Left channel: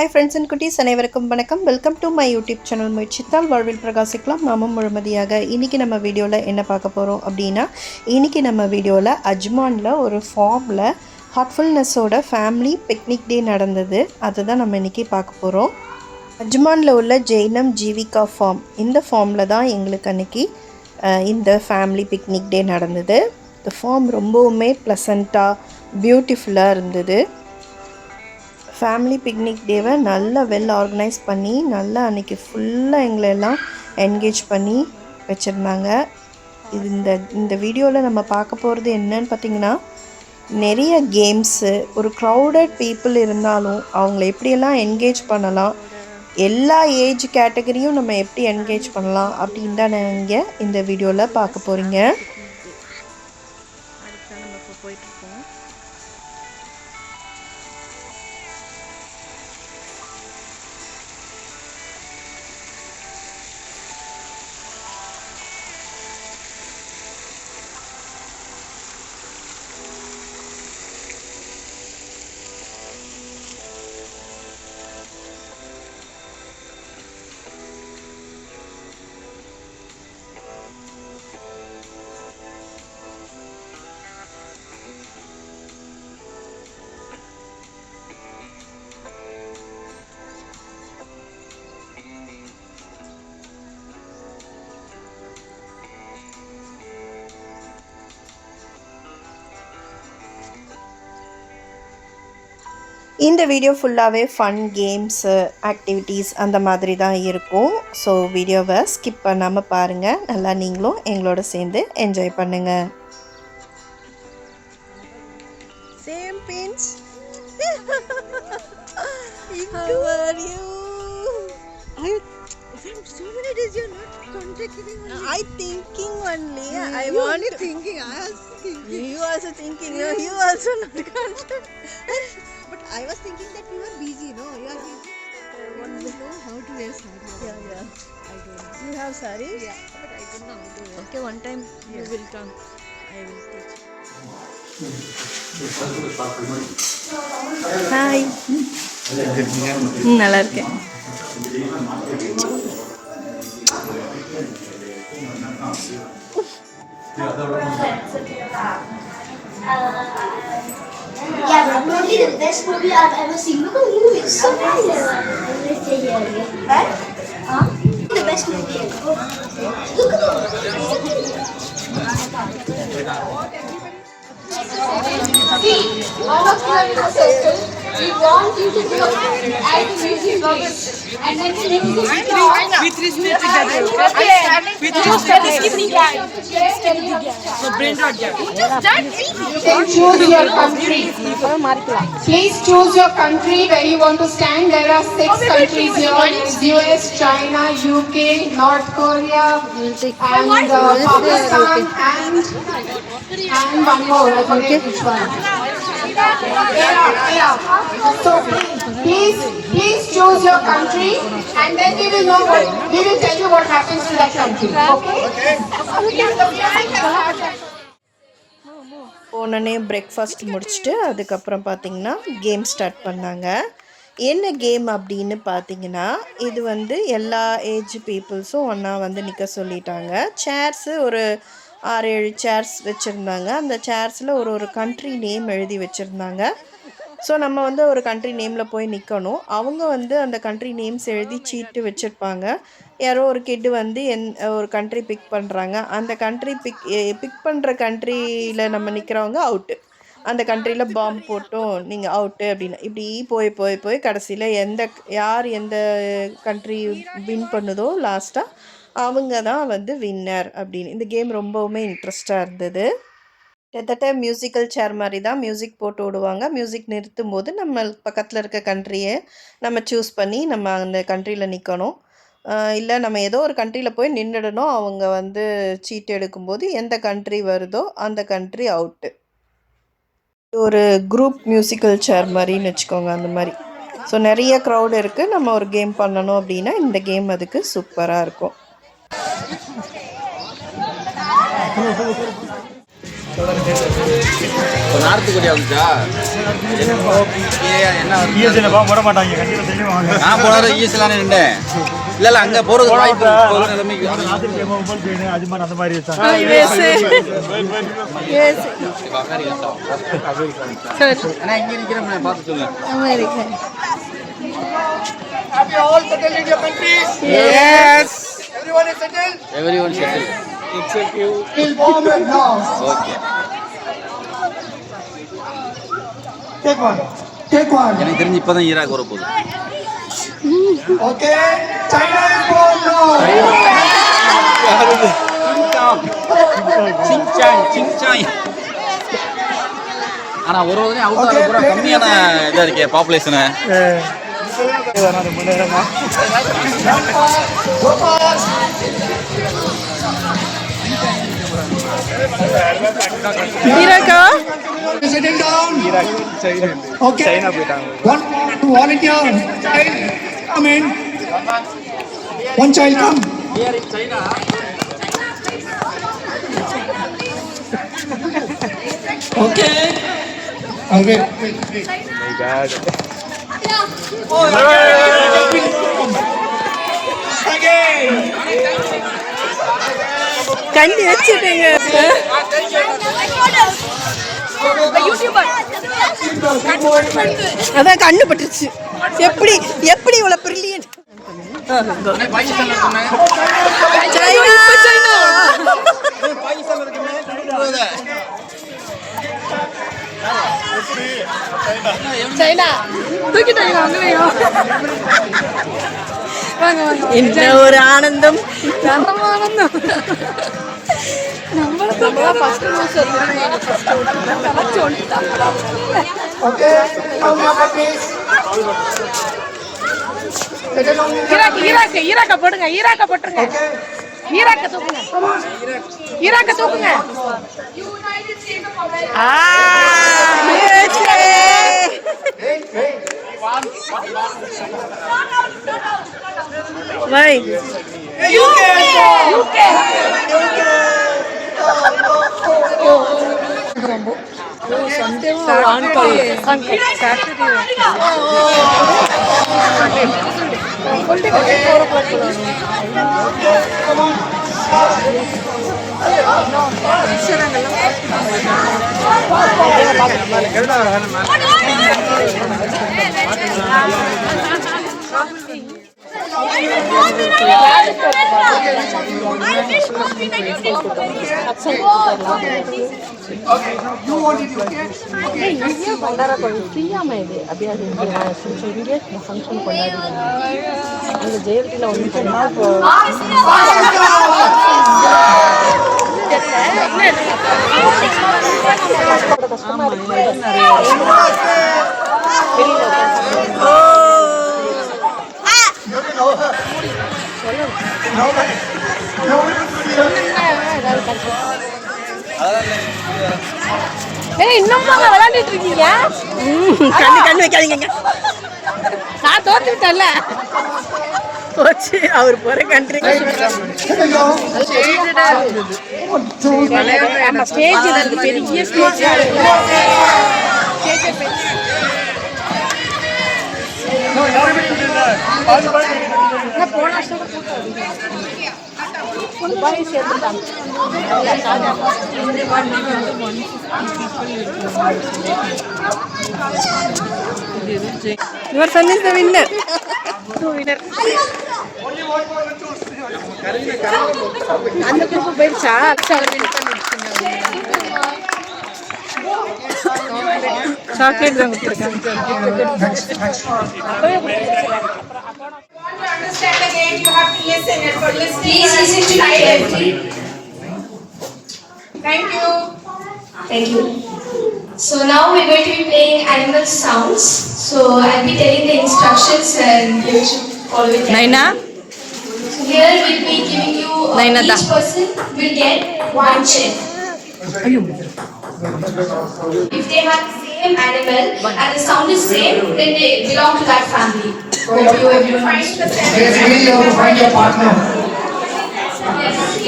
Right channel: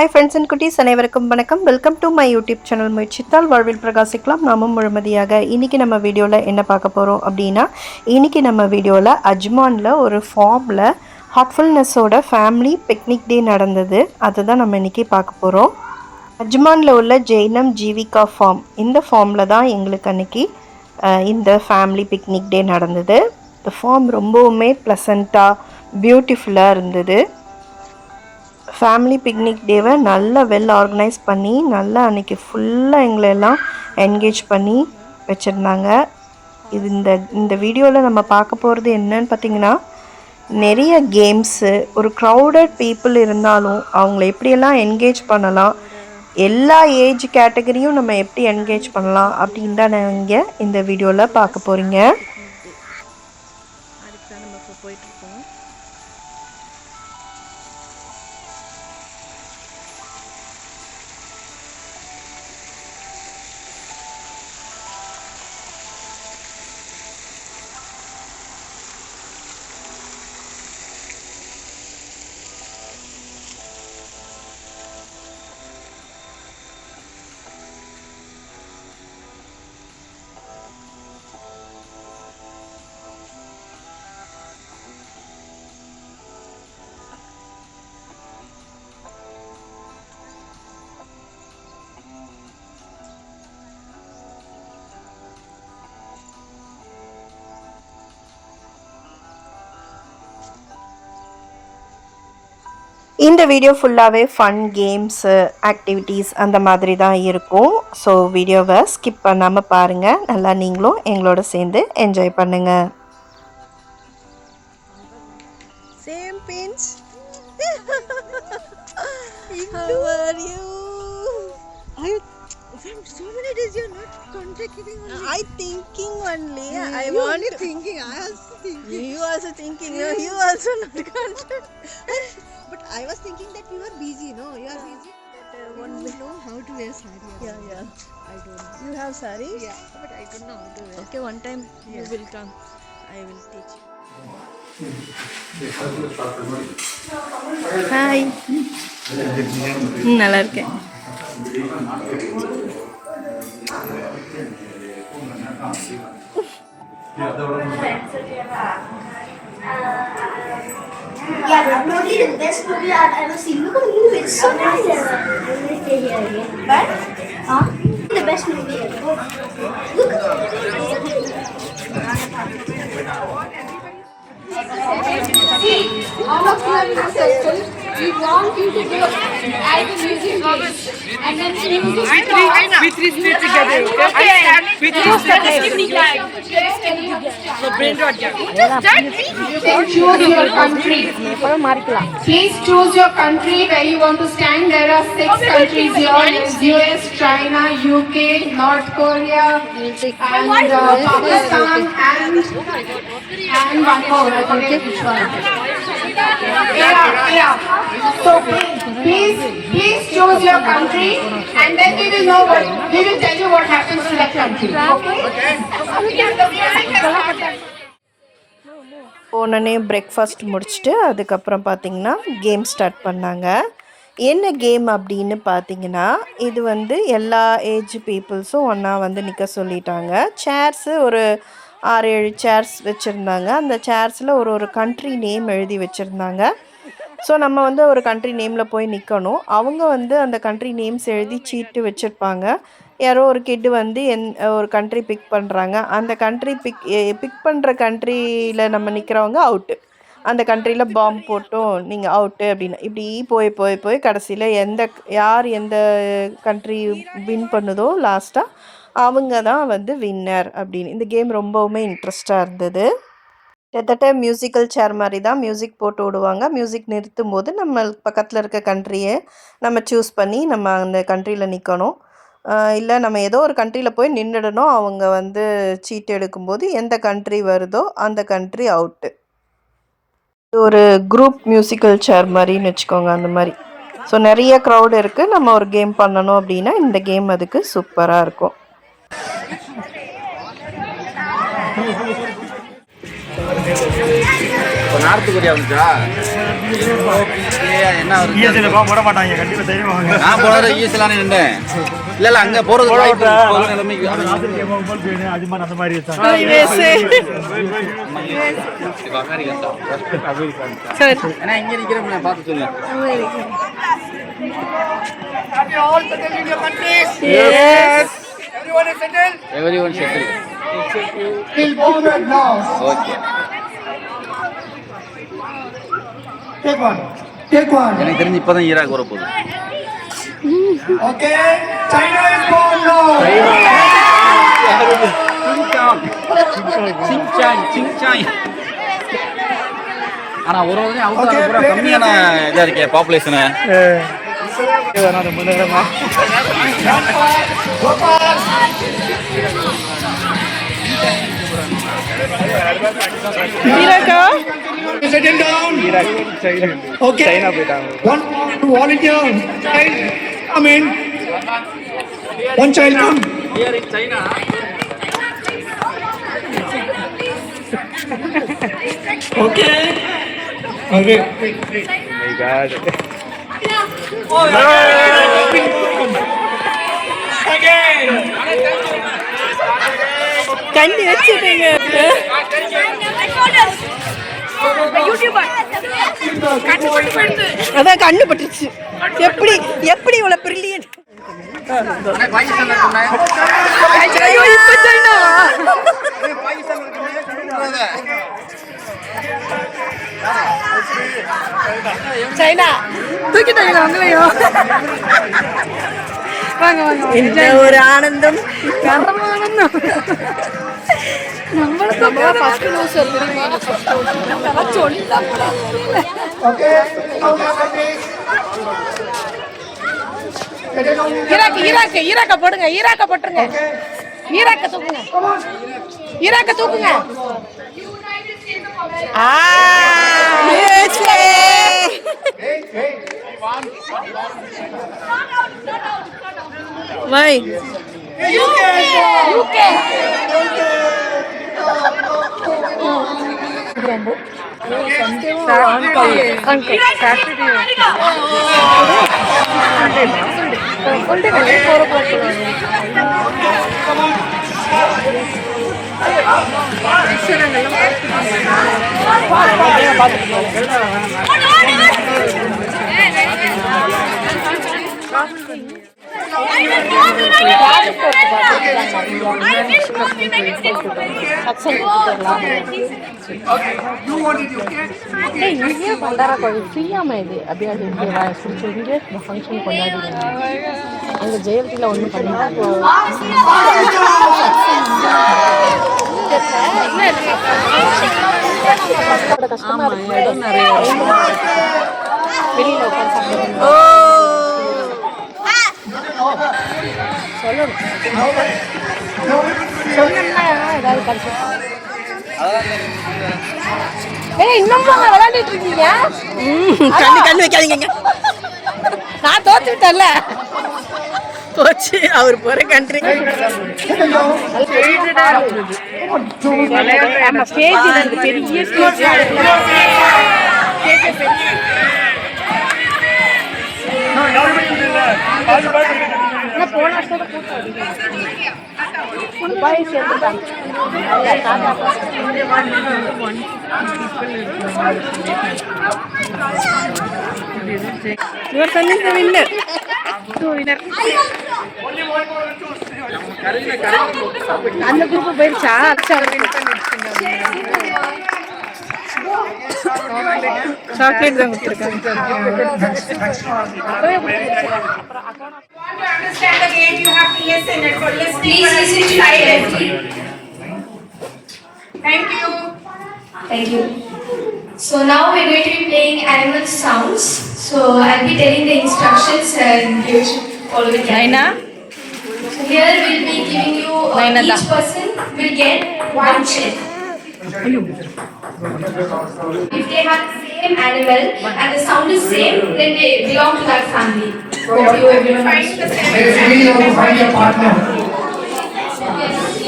Hi friends and குட்டீஸ், அனைவருக்கும் வணக்கம். Welcome to my YouTube channel. முயற்சித்தால் வாழ்வில் பிரகாசிக்கலாம், நாமும் முழுமதியாக. இன்றைக்கி நம்ம வீடியோவில் என்ன பார்க்க போகிறோம் அப்படின்னா, இன்றைக்கி நம்ம வீடியோவில் அஜ்மானில் ஒரு ஃபார்மில் ஹார்ட்ஃபுல்னஸோட ஃபேமிலி பிக்னிக் டே நடந்தது. அதுதான் நம்ம இன்றைக்கி பார்க்க போகிறோம். அஜ்மானில் உள்ள ஜெயினம் ஜீவிகா ஃபார்ம், இந்த ஃபார்மில் தான் எங்களுக்கு அன்றைக்கி இந்த ஃபேமிலி பிக்னிக் டே நடந்தது. இந்த ஃபார்ம் ரொம்பவுமே ப்ளசண்ட்டாக பியூட்டிஃபுல்லாக இருந்தது. ஃபேமிலி பிக்னிக் டேவை நல்லா வெல் ஆர்கனைஸ் பண்ணி நல்லா அன்றைக்கி ஃபுல்லாக எங்களெல்லாம் என்கேஜ் பண்ணி வச்சுருந்தாங்க. இது இந்த வீடியோவில் நம்ம பார்க்க போகிறது என்னன்னு பார்த்திங்கன்னா, நிறைய கேம்ஸு, ஒரு க்ரௌடட் பீப்புள் இருந்தாலும் அவங்கள எப்படியெல்லாம் என்கேஜ் பண்ணலாம், எல்லா ஏஜ் கேட்டகரியும் நம்ம எப்படி என்கேஜ் பண்ணலாம் அப்படின்னு தான் நீங்கள் இந்த வீடியோவில் பார்க்க போகிறீங்க. அதுக்கு நம்ம இப்போ போயிட்டுருக்கோம். இந்த வீடியோ ஃபுல்லாகவே ஃபன் கேம்ஸு, ஆக்டிவிட்டீஸ் அந்த மாதிரி தான் இருக்கும். ஸோ வீடியோவை ஸ்கிப் பண்ணாமல் பாருங்கள். நல்லா நீங்களும் எங்களோட சேர்ந்து என்ஜாய் பண்ணுங்கள். Same pinch. How are you? From so many days you're not contacting only. I thinking only. I want you thinking. I was thinking. You also thinking. No, you also not contact. But I was thinking that you are busy. No, you are busy. You know how to wear saree. Yeah. I don't know. You have saree? Yeah, but I don't know how to wear. Okay, one time you will come. I will teach. Hi, நல்லா இருக்கேன். Yeah, probably the best movie I've ever seen. Look at you, it's so nice. Right? Huh? The best movie ever. Look at it. See, one of you in the circle, we want you to go and music days. And then music starts. We three stay together, okay? We three stay together. So brain rot gap. Then choose your country. Please choose your country where you want to stand. There are 6 countries here: US, China, UK, North Korea, and Pakistan, and one more. I forget which one. Yeah. So please choose your country, and then we will tell you what happens to that country. Okay? போனோடனே பிரேக்ஃபாஸ்ட் முடிச்சுட்டு அதுக்கப்புறம் பார்த்திங்கன்னா game start பண்ணாங்க. என்ன கேம் அப்படின்னு பார்த்தீங்கன்னா, இது எல்லா ஏஜ் பீப்புள்ஸும் ஒன்றா நிற்க சொல்லிட்டாங்க. சேர்ஸு ஒரு 6-7 சேர்ஸ் வச்சுருந்தாங்க. அந்த சேர்ஸில் ஒரு கண்ட்ரி நேம் எழுதி வச்சுருந்தாங்க. ஸோ நம்ம ஒரு கண்ட்ரி நேமில் போய் நிற்கணும். அவங்க அந்த கண்ட்ரி நேம்ஸ் எழுதி சீட்டு வச்சுருப்பாங்க. யாரோ ஒரு கிட்டு ஒரு கண்ட்ரி பிக் பண்ணுறாங்க. அந்த கண்ட்ரி பிக் பண்ணுற கண்ட்ரியில் நம்ம நிற்கிறவங்க அவுட்டு. அந்த கண்ட்ரியில் பாம்பு போட்டும் நீங்கள் அவுட்டு அப்படின்னு இப்படி போய் கடைசியில் யார் எந்த கண்ட்ரி வின் பண்ணுதோ லாஸ்ட்டாக அவங்க தான் வின்னர் அப்படின்னு. இந்த கேம் ரொம்பவுமே இன்ட்ரெஸ்டாக இருந்தது. கிட்டத்தட்ட மியூசிக்கல் சேர் மாதிரி தான் மியூசிக் போட்டு விடுவாங்க. மியூசிக் நிறுத்தும் போது நம்ம பக்கத்தில் இருக்க கண்ட்ரியை நம்ம சூஸ் பண்ணி நம்ம அந்த கண்ட்ரியில் நிற்கணும். இல்லை நம்ம ஏதோ ஒரு கண்ட்ரியில் போய் நின்றுடணும். அவங்க சீட்டு எடுக்கும்போது எந்த கண்ட்ரி வருதோ அந்த கண்ட்ரி அவுட்டு. ஒரு குரூப் மியூசிக்கல் சேர் மாதிரின்னு வச்சுக்கோங்க, அந்த மாதிரி. ஸோ நிறைய க்ரௌடு இருக்குது. நம்ம ஒரு கேம் பண்ணணும் அப்படின்னா இந்த கேம் அதுக்கு சூப்பராக இருக்கும். நார்த்து கொரியா வந்துச்சா போட மாட்டாங்க கண்டிப்பா தைரியம் வாங்க. நான் போன தடவை ஈஸ்லானே நின்றேன். இல்ல அங்க போறது வாய்ப்பு அது மாதிரி அந்த மாதிரி இருக்காங்க. ஏன்னா இங்க நிக்கிறேன் நான் பார்த்து சொல்லுங்க. Have you all settled in your countries? Yes. Everyone is settled? Everyone settled. Till moment now. Okay. Take one. Take one. எனக்கு தெரிஞ்சு இப்பதான் ஈராக் வர போகுது. Okay. China is born now. சிங்சாங். ஆனா ஒரு வகையும் Okay, அவுட் play கம்மியான இதா இருக்கே பாப்புலேஷன். Gopal. ஈராக்கா Settle down. Okay. China போயிட்டாங்க. One volunteer. Child, come in. One child come. Here in China. Okay. Wait. My God. Again. கண்ணி வச்சுட்டீங்க. அதான் கண்ணு பட்டுருச்சு. எப்படி எப்படி இவ்வளவு பிரில்லியன்ட். சைனா என்ன ஒரு ஆனந்தம். Okay. Settle down, please. Settle down. ஈராக்க போடுங்க. ஈராக்க போட்டுருங்க. ஈராக்க தூக்குங்க. ஈராக்க தூக்குங்க. வை Okay. You want it, okay? Okay. Next. இன்னும் விளையாடிட்டு இருக்கீங்க. கண்ணு வைக்காதீங்க. நான் தோத்துட்டேன்ல. போச்சு அவர் போற கண்ட்ரி. ஸ்டேஜ் இருக்கு, பெரிய stage. No, everybody is there. All the boys Your son is the winner. only one more will choose. அந்த குரூப் போயிடுச்சா? சாக்லேட் தான் கொடுத்துருக்காங்க. To understand the game, you have to listen it. For listening, please listen to me carefully. Thank you. Thank you. So now we're going to be playing animal sounds. So I'll be telling the instructions and you should follow it. Naina So here we'll be giving you each person will get one chair. If they have the same animal and the sound is same, then they belong to that family. Hope you everyone understands. Find your partner.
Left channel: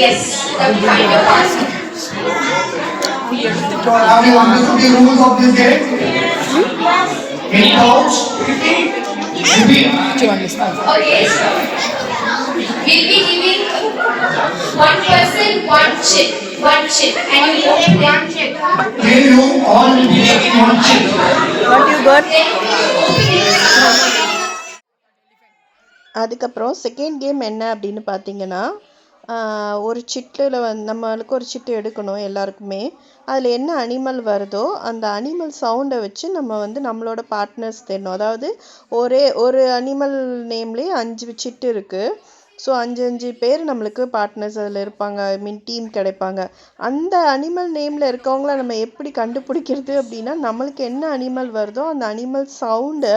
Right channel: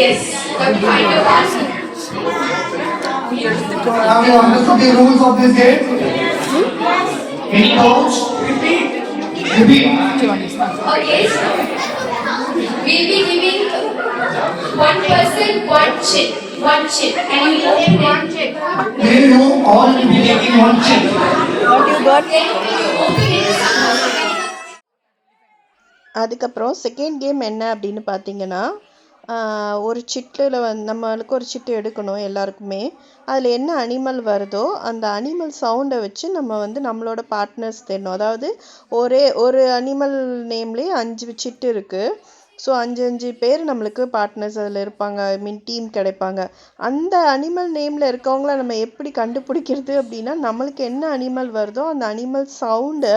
Yes, find your partner. Have you understood the rules of this game? Any doubts? Repeat. Okay. We'll be giving one person one chip. And you will take one chip. You all will be taking one chip. What you got? Then open it. அதுக்கப்புறம் second game என்ன அப்படின்னு பார்த்தீங்கன்னா, ஒரு சிட்டில் நம்மளுக்கு ஒரு சிட்டு எடுக்கணும் எல்லாருக்குமே. அதில் என்ன அனிமல் வருதோ அந்த அனிமல் சவுண்டை வச்சு நம்ம நம்மளோட பார்ட்னர்ஸ் தேடணும். அதாவது ஒரு அனிமல் நேம்லேயே 5 சிட்டு இருக்குது. ஸோ 5 பேர் நம்மளுக்கு பார்ட்னர்ஸ் அதில் இருப்பாங்க. ஐ மீன் டீம் கிடைப்பாங்க. அந்த அனிமல் நேமில் இருக்கவங்கள நம்ம எப்படி கண்டுபிடிக்கிறது அப்படின்னா, நம்மளுக்கு என்ன அனிமல் வருதோ அந்த அனிமல் சவுண்டை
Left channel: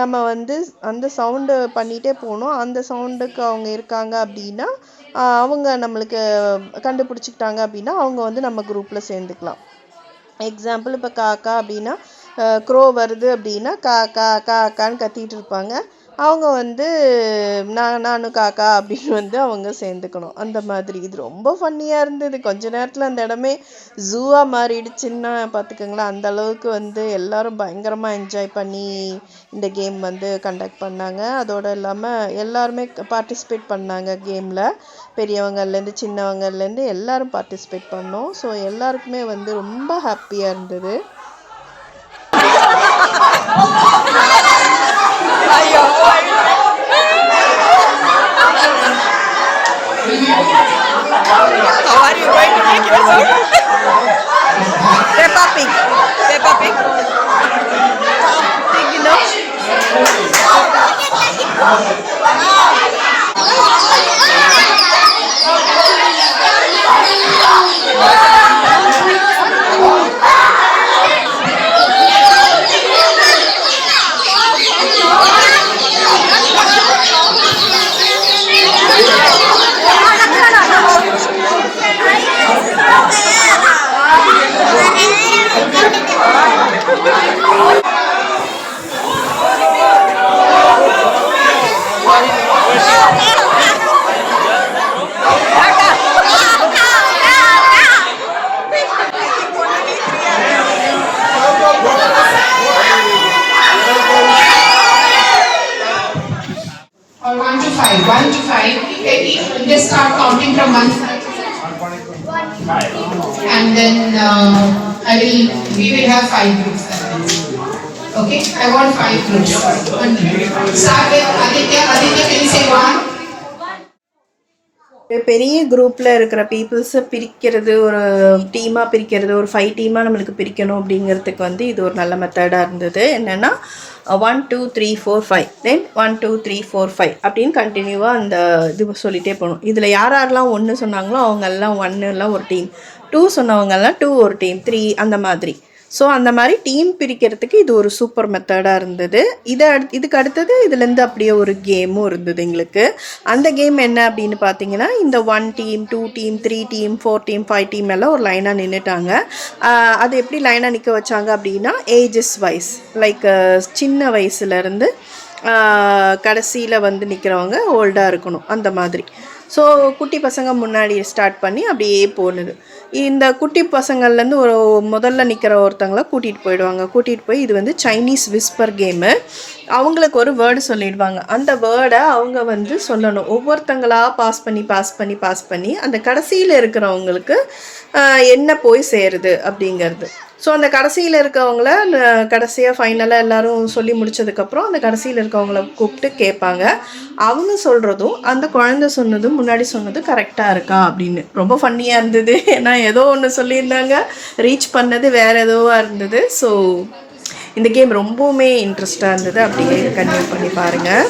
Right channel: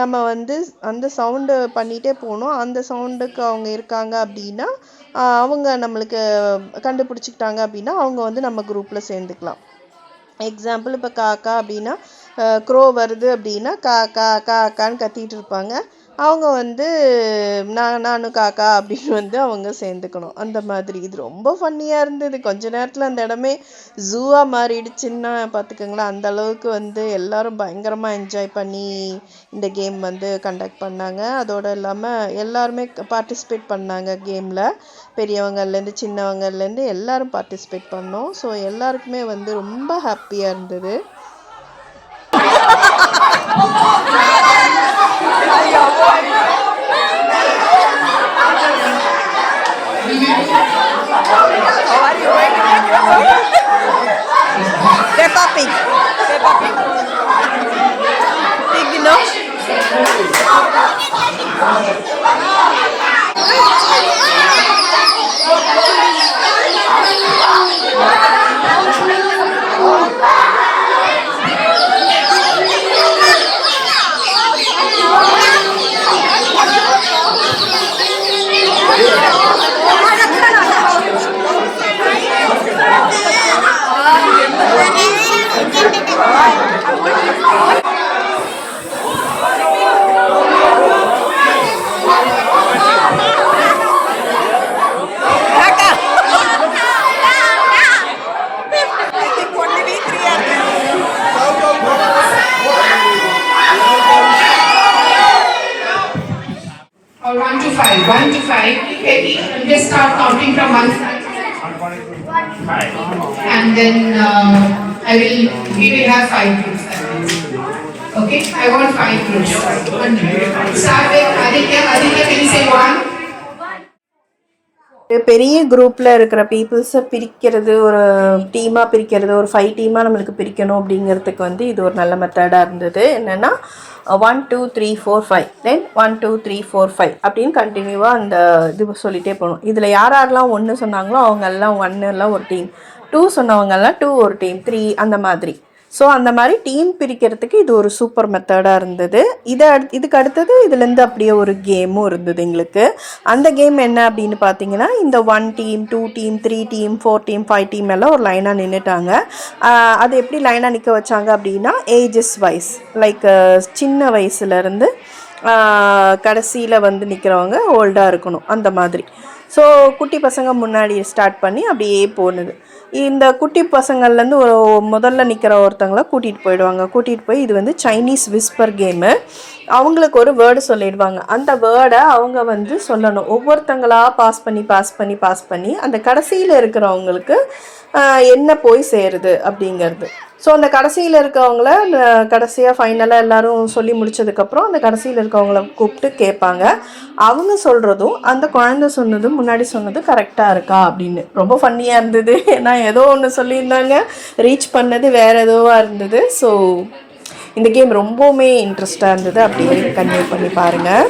நம்ம அந்த சவுண்டு பண்ணிகிட்டே போகணும். அந்த சவுண்டுக்கு அவங்க இருக்காங்க அப்படின்னா அவங்க நம்மளுக்கு கண்டுபிடிச்சிக்கிட்டாங்க அப்படின்னா அவங்க நம்ம குரூப்பில் சேர்ந்துக்கலாம். எக்ஸாம்பிள் இப்போ காக்கா அப்படின்னா, க்ரோ வருது அப்படின்னா காக்கான்னு கத்திட்டு இருப்பாங்க. அவங்க நானும் காக்கா அப்படின்னு அவங்க சேர்ந்துக்கணும். அந்த மாதிரி இது ரொம்ப ஃபன்னியாக இருந்தது. கொஞ்ச நேரத்தில் அந்த இடமே ஜூவாக மாறிடுச்சுன்னா பார்த்துக்கோங்களேன். அந்த அளவுக்கு எல்லாரும் பயங்கரமாக என்ஜாய் பண்ணி இந்த கேம் கண்டக்ட் பண்ணாங்க. அதோடு இல்லாமல் எல்லாருமே பார்ட்டிசிபேட் பண்ணாங்க கேமில். பெரியவங்கள்லேருந்து சின்னவங்கள்லேருந்து எல்லாரும் பார்ட்டிசிபேட் பண்ணோம். ஸோ எல்லாருக்குமே ரொம்ப ஹாப்பியாக இருந்தது. Peppa Pig. Pig, no? Or 1 to 5. 1 to 5. Just start counting from 1 to 5. And then we will have 5 groups. Okay? I want 5 groups. Start with Aditya. Aditya, can you say 1? பெரிய குரூப்பில் இருக்கிற பீப்புள்ஸை பிரிக்கிறது, ஒரு டீமாக பிரிக்கிறது, ஒரு 5 டீமாக நம்மளுக்கு பிரிக்கணும் அப்படிங்கிறதுக்கு இது ஒரு நல்ல மெத்தடாக இருந்தது. என்னென்னா 1 2 3 4 5 தென் 1 2 3 4 5 அப்படின்னு கண்டினியூவாக அந்த இது சொல்லிகிட்டே போகணும். இதில் யாரெல்லாம் 1 சொன்னாங்களோ அவங்கெல்லாம் 1 எல்லாம் ஒரு டீம், 2 சொன்னவங்கெல்லாம் 2 ஒரு டீம், 3 அந்த மாதிரி. ஸோ அந்த மாதிரி டீம் பிரிக்கிறதுக்கு இது ஒரு சூப்பர் மெத்தடாக இருந்தது. இதுக்கு அடுத்தது இதுலேருந்து அப்படியே ஒரு கேமும் இருந்தது எங்களுக்கு. அந்த கேம் என்ன அப்படின்னு பார்த்தீங்கன்னா, இந்த 1 டீம் 2 டீம் 3 டீம் 4 டீம் 5 டீம் எல்லாம் ஒரு லைனாக நின்றுட்டாங்க. அது எப்படி லைனாக நிற்க வச்சாங்க அப்படின்னா, ஏஜஸ் வைஸ், லைக் சின்ன வயசுலேருந்து கடைசியில் நிற்கிறவங்க ஓல்டாக இருக்கணும் அந்த மாதிரி. ஸோ குட்டி பசங்க முன்னாடி ஸ்டார்ட் பண்ணி அப்படியே போனது. இந்த குட்டி பசங்கள்லேருந்து ஒரு முதல்ல நிற்கிற ஒருத்தங்களை கூட்டிகிட்டு போய் இது சைனீஸ் விஸ்பர் கேமு. அவங்களுக்கு ஒரு வேர்டு சொல்லிடுவாங்க. அந்த வேர்டை அவங்க சொல்லணும். ஒவ்வொருத்தங்களாக பாஸ் பண்ணி அந்த கடைசியில் இருக்கிறவங்களுக்கு என்ன போய் சேருது அப்படிங்கிறது. ஸோ அந்த கடைசியில் இருக்கவங்கள கடைசியாக ஃபைனலாக எல்லோரும் சொல்லி முடித்ததுக்கப்புறம் அந்த கடைசியில் இருக்கவங்கள கூப்பிட்டு கேட்பாங்க. அவங்க சொல்கிறதும் அந்த குழந்தை சொன்னதும் முன்னாடி சொன்னதும் கரெக்டாக இருக்கா அப்படின்னு. ரொம்ப ஃபன்னியாக இருந்தது. ஏன்னா ஏதோ ஒன்று சொல்லியிருந்தாங்க, ரீச் பண்ணது வேறு எதோவாக இருந்தது. ஸோ இந்த கேம் ரொம்பவுமே இன்ட்ரெஸ்டாக இருந்தது. அப்படியே கன்டினியூ பண்ணி பாருங்கள்.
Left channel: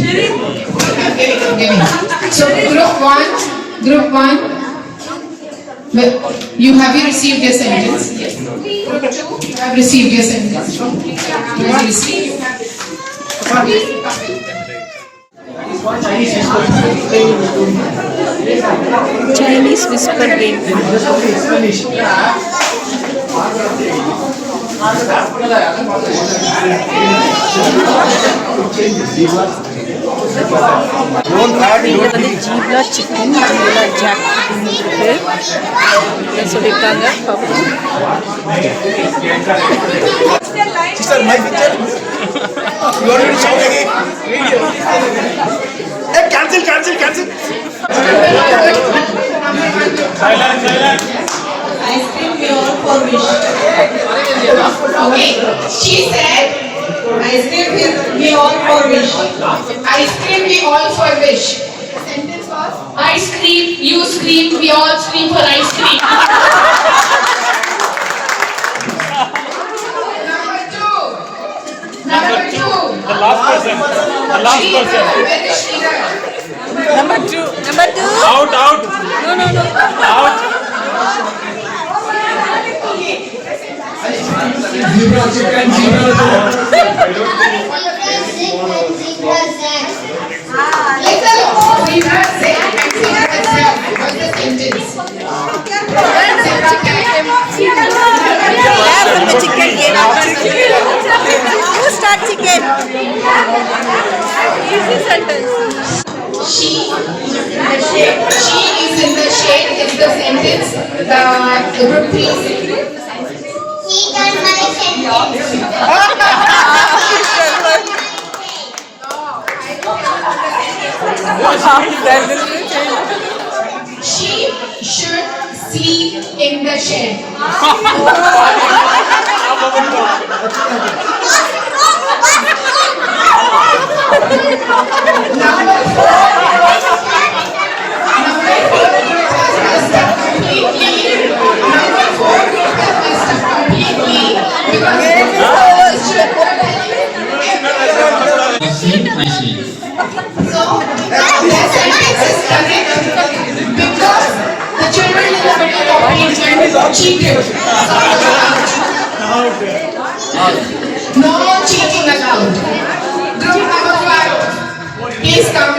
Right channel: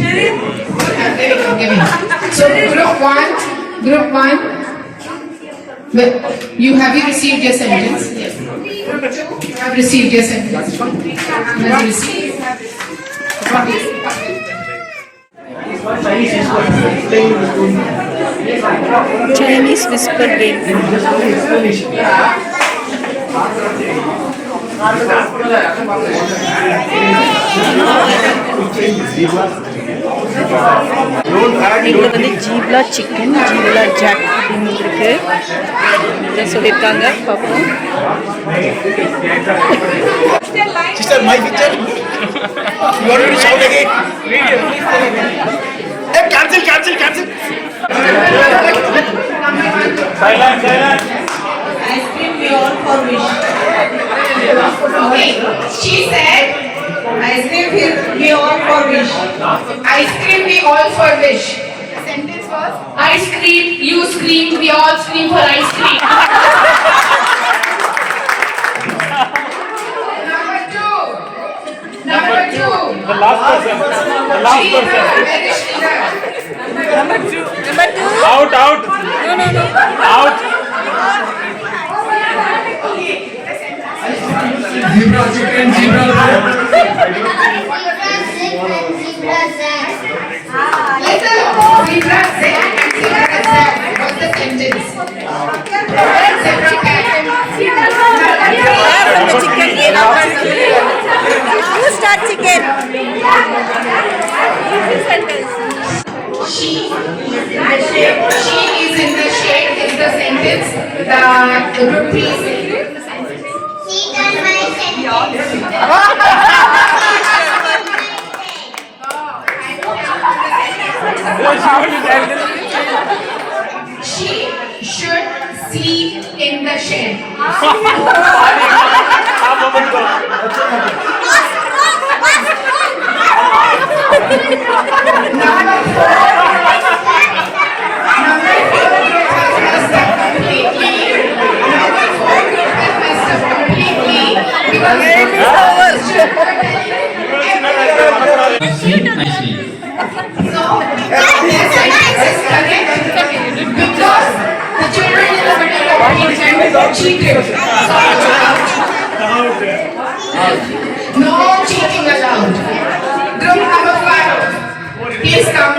Jadi forgiving. So group one, you received your sentence? Yes. Group 2, you have received your sentence. Have you received? Chinese whisper game. இதில் வந்து ஜீப்லா சிக்கன், ஜீப்லா ஜாக் அப்படின்னு இருக்கு. இதை சொல்லியிருக்காங்க, பார்ப்போம். Sister, my picture. You want me to shout again? Hey, cancel. Silence. Ice cream we all for wish. Okay, she said, ice cream we all for wish. Ice cream we all for wish. The sentence was, ice cream, you scream, we all scream for ice cream. Number two. The last person. Where is Sridhar? Number two. Out. No. Out. Zebra chicken, zebra Listen, zebra zag and zebra zag. What's the sentence? Zebra cat. Yeah, from the chicken game. Who start chicken? Easy sentence. She is in the shade is the sentence. The group please. He done my sentence. She should see in the shade. I see. So, their sentence is correct because the children in the middle of the movement cheated. No cheating allowed. Group number 5, please come.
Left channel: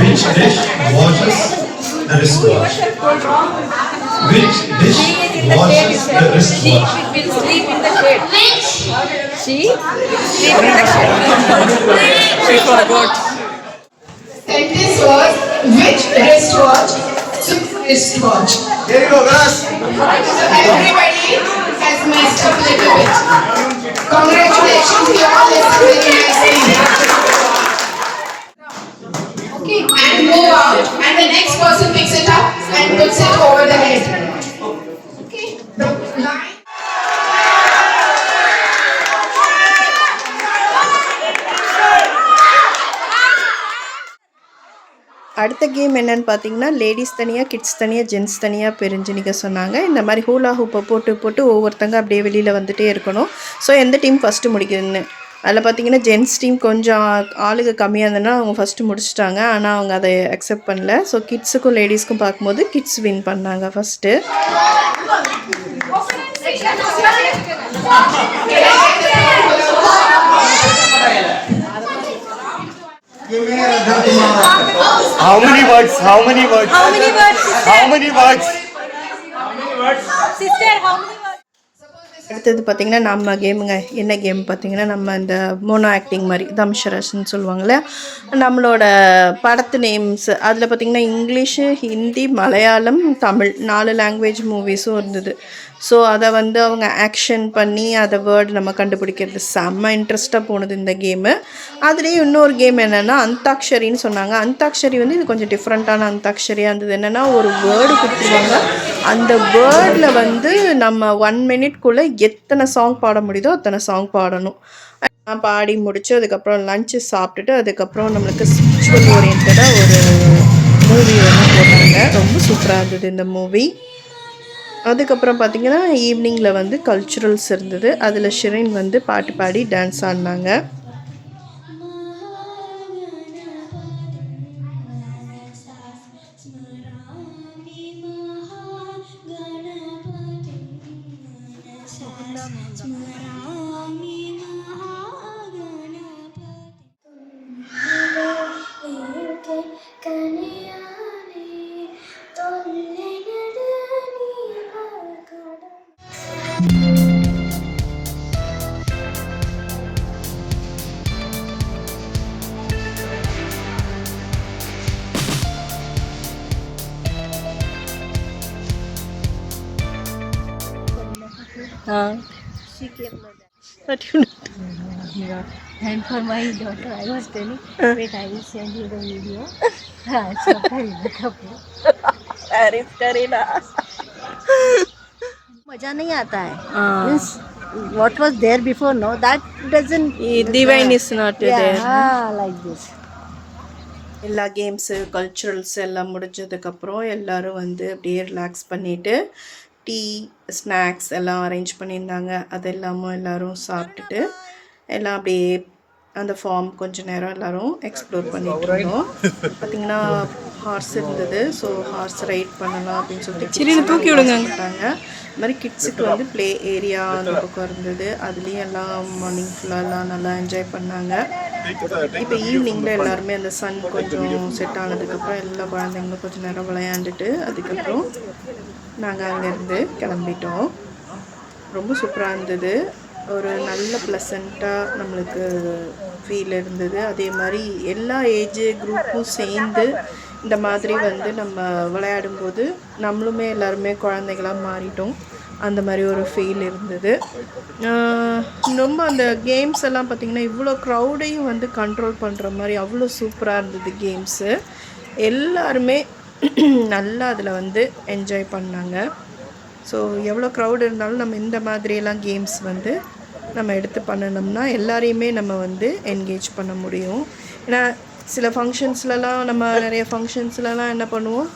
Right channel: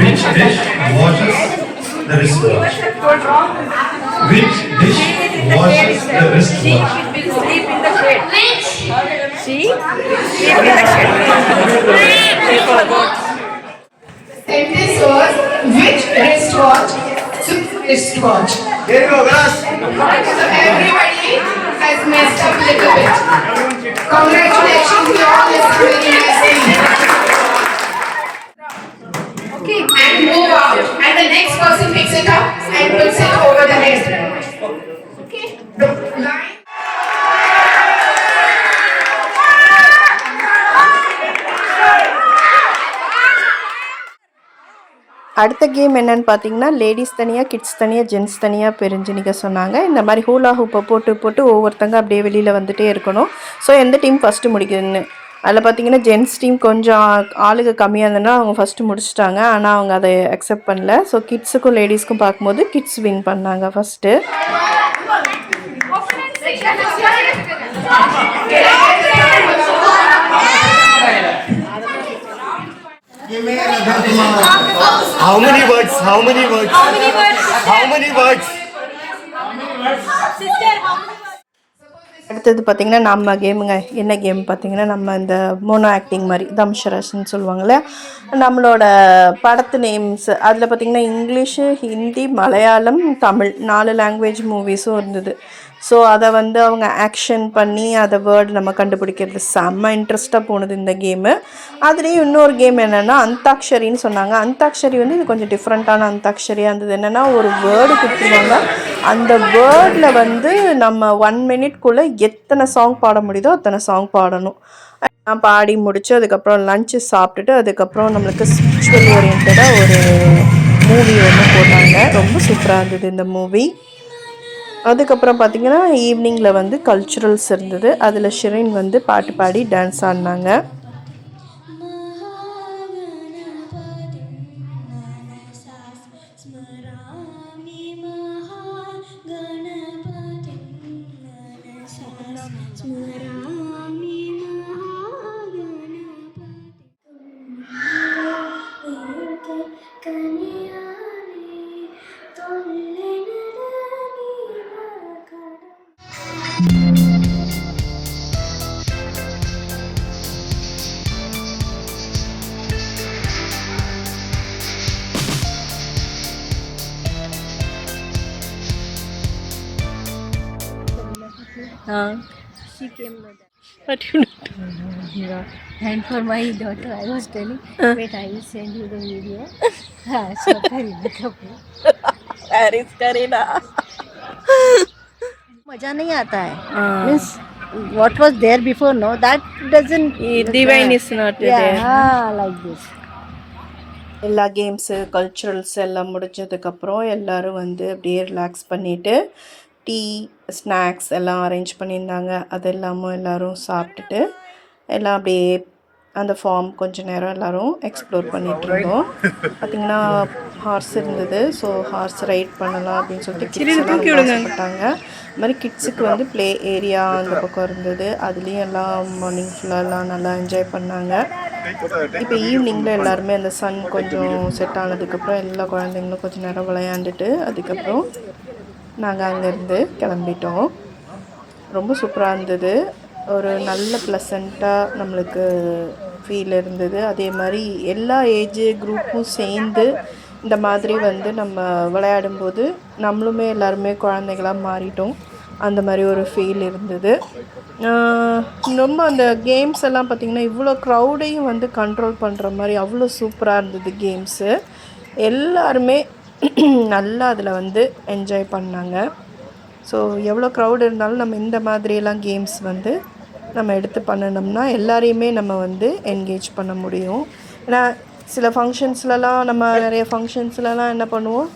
Which dish washes the wristwatch? Which dish washes the wristwatch? Will sleep in the shade. She sleep in the shade. She forgot. Sentence was which wristwatch? Wristwatch. Here you go, guys. So everybody has messed up a little bit. Congratulations, you all listened very nicely. Okay, and move out, and the next person picks it up and puts it over the head. Okay, the line. அடுத்த கேம் என்னன்னு பார்த்தீங்கன்னா, லேடிஸ் தனியாக, கிட்ஸ் தனியாக, ஜென்ட்ஸ் தனியாக பிரிஞ்சு நிற்க சொன்னாங்க. இந்த மாதிரி ஹூலா ஹூப்பை போட்டு ஒவ்வொருத்தங்க அப்படியே வெளியில் வந்துகிட்டே இருக்கணும். ஸோ எந்த டீம் ஃபஸ்ட்டு முடிக்குதுன்னு அதில் பார்த்தீங்கன்னா, ஜென்ட்ஸ் டீம் கொஞ்சம் ஆளுங்க கம்மியாக இருந்ததுன்னா அவங்க ஃபஸ்ட்டு முடிச்சிட்டாங்க. ஆனால் அவங்க அதை அக்செப்ட் பண்ணல. ஸோ கிட்ஸுக்கும் லேடிஸ்க்கும் பார்க்கும்போது கிட்ஸ் வின் பண்ணாங்க first. How many words? Sister, how many? அடுத்தது பார்த்திங்கன்னா நம்ம கேமுங்க. என்ன கேம் பார்த்திங்கன்னா, நம்ம இந்த மோனோ ஆக்டிங் மாதிரி தம்ஷரஸ்ன்னு சொல்லுவாங்கள்ல, நம்மளோட படத்து நேம்ஸ் அதில் பார்த்திங்கன்னா இங்கிலீஷு, ஹிந்தி, மலையாளம், தமிழ் 4 லாங்குவேஜ் மூவிஸும் இருந்தது. ஸோ அதை வந்து அவங்க ஆக்ஷன் பண்ணி அதை வேர்டு நம்ம கண்டுபிடிக்கிறது செம்ம இன்ட்ரெஸ்ட்டாக போனது இந்த கேமு. அதுலேயும் இன்னொரு கேம் என்னென்னா அந்தாக்ஷரின்னு சொன்னாங்க. அந்தாக்ஷரி வந்து இது கொஞ்சம் டிஃப்ரெண்ட்டான அந்தாக்ஷரியாக இருந்தது. என்னென்னா ஒரு வேர்டு கொடுத்துருவாங்க. அந்த வேர்டில் வந்து நம்ம 1 மினிட்குள்ளே எத்தனை சாங் பாட முடியுதோ அத்தனை சாங் பாடணும். நான் பாடி முடித்து அதுக்கப்புறம் லஞ்சு சாப்பிட்டுட்டு அதுக்கப்புறம் நம்மளுக்கு ஸ்பிரிச்சுவல் ஓரியன்டாக ஒரு மூவி ஒன்று போட்டாங்க. ரொம்ப சூப்பராக இருந்தது இந்த மூவி. அதுக்கப்புறம் பார்த்திங்கன்னா ஈவினிங்கில் வந்து கல்ச்சுரல்ஸ் இருந்தது. அதில் ஷிரின் வந்து பாட்டு பாடி டான்ஸ் ஆடினாங்க. She came like that. What you do? And for my daughter, I was telling, wait, I will send you the video. मजा नहीं आता है. Means what was there before, no, that doesn't. Divine is not there. Like this. எல்லா games culturals எல்லாம் முடிஞ்சதுக்கப்புறம் எல்லோரும் வந்து அப்படியே ரிலாக்ஸ் பண்ணிவிட்டு டீ ஸ்நாக்ஸ் எல்லாம் அரேஞ்ச் பண்ணியிருந்தாங்க. அது எல்லாமும் எல்லோரும் சாப்பிட்டுட்டு எல்லாம் அப்படியே அந்த ஃபார்ம் கொஞ்சம் நேரம் எல்லோரும் எக்ஸ்ப்ளோர் பண்ணிகிட்டு இருந்தோம். பார்த்திங்கன்னா ஹார்ஸ் இருந்தது. ஸோ ஹார்ஸ் ரைட் பண்ணலாம் அப்படின்னு சொல்லிட்டு தூக்கி விடுங்கட்டாங்க. இது மாதிரி கிட்ஸுக்கு வந்து ப்ளே ஏரியா அந்த பக்கம் இருந்தது. அதுலேயும் எல்லாம் மார்னிங் ஃபுல்லாக நல்லா என்ஜாய் பண்ணாங்க. இப்போ ஈவினிங்கில் எல்லாருமே அந்த சன் கொஞ்சம் செட் ஆனதுக்கப்புறம் எல்லா குழந்தைங்களும் கொஞ்சம் நேரம் விளையாண்டுட்டு அதுக்கப்புறம் நாங்கள் அங்கேருந்து கிளம்பிட்டோம். ரொம்ப சூப்பராக இருந்தது. ஒரு நல்ல ப்ளசண்ட்டாக நம்மளுக்கு ஃபீல் இருந்தது. அதே மாதிரி எல்லா ஏஜ் குரூப்பும் சேர்ந்து இந்த மாதிரி வந்து நம்ம விளையாடும்போது நம்மளுமே எல்லாருமே குழந்தைகளாக மாறிட்டோம். அந்த மாதிரி ஒரு ஃபீல் இருந்தது. ரொம்ப அந்த கேம்ஸ் எல்லாம் பார்த்திங்கன்னா இவ்வளோ க்ரௌடையும் வந்து கண்ட்ரோல் பண்ணுற மாதிரி அவ்வளோ சூப்பராக இருந்தது கேம்ஸு. எல்லாருமே நல்லா அதில் வந்து என்ஜாய் பண்ணாங்க. ஸோ எவ்வளோ க்ரௌட் இருந்தாலும் நம்ம இந்த மாதிரியெல்லாம் கேம்ஸ் வந்து நம்ம எடுத்து பண்ணினோம்னா எல்லாரையுமே நம்ம வந்து என்கேஜ் பண்ண முடியும். ஏன்னா சில ஃபங்க்ஷன்ஸ்லலாம் நம்ம நிறைய ஃபங்க்ஷன்ஸ்லலாம் என்ன பண்ணுவோம்,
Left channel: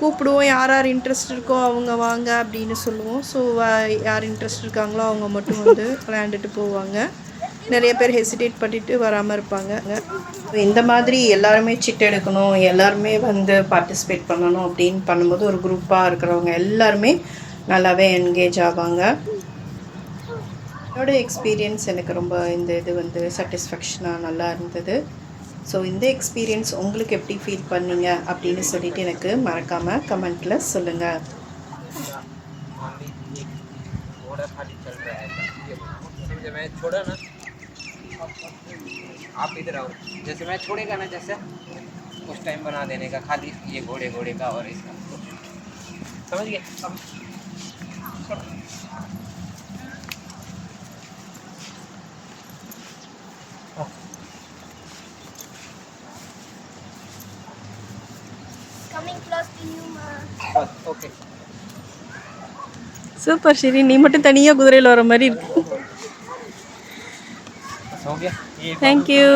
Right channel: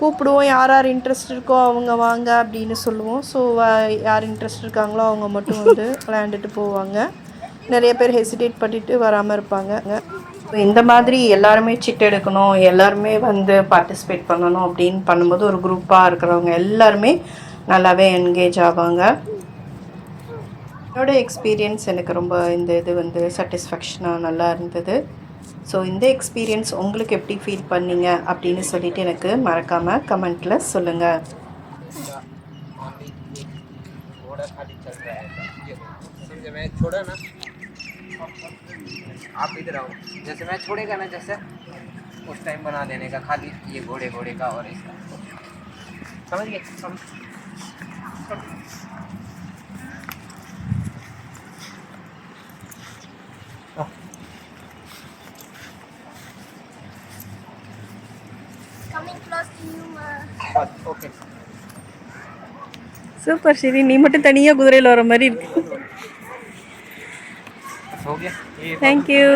கூப்பிடுவோம், யார் யார் இன்ட்ரெஸ்ட் இருக்கோ அவங்க வாங்க அப்படின்னு சொல்லுவோம். ஸோ யார் இன்ட்ரெஸ்ட் இருக்காங்களோ அவங்க மட்டும் வந்து விளையாண்டுட்டு போவாங்க. நிறைய பேர் ஹெசிடேட் பண்ணிவிட்டு வராமல் இருப்பாங்க. இந்த மாதிரி எல்லாருமே சிட் எடுக்கணும், எல்லாருமே வந்து பார்ட்டிசிபேட் பண்ணணும் அப்படின்னு பண்ணும்போது ஒரு குரூப்பாக இருக்கிறவங்க எல்லாருமே நல்லாவே என்கேஜ் ஆவாங்க. என்னோடய எக்ஸ்பீரியன்ஸ் எனக்கு ரொம்ப இந்த இது வந்து சாட்டிஸ்ஃபேக்ஷனாக நல்லா இருந்தது. ஸோ இந்த எக்ஸ்பீரியன்ஸ் உங்களுக்கு எப்படி ஃபீல் பண்ணீங்க அப்படின்னு சொல்லிட்டு எனக்கு மறக்காமல் கமெண்ட்டில் சொல்லுங்கள். आप इधर आओ, जैसे मैं छोड़ेगा ना, जैसे उस टाइम बना देने का, खाली ये घोड़े घोड़े का और इसका, समझ गए? Coming close to you, ma. Okay. Super Shri, நீ மட்டும் தனியாக குதிரையில் வர மாதிரி இருக்கு. हो गया. தேங்க்யூ.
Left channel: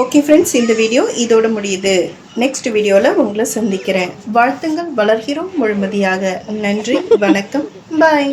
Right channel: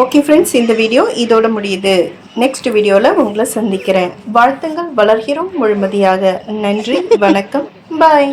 ஓகே ஃப்ரெண்ட்ஸ், இந்த வீடியோ இதோட முடியுது. நெக்ஸ்ட் வீடியோவில் உங்களை சந்திக்கிறேன். வாழ்த்துங்கள், வளர்கிறோம் முழுமதியாக. நன்றி, வணக்கம், பாய்.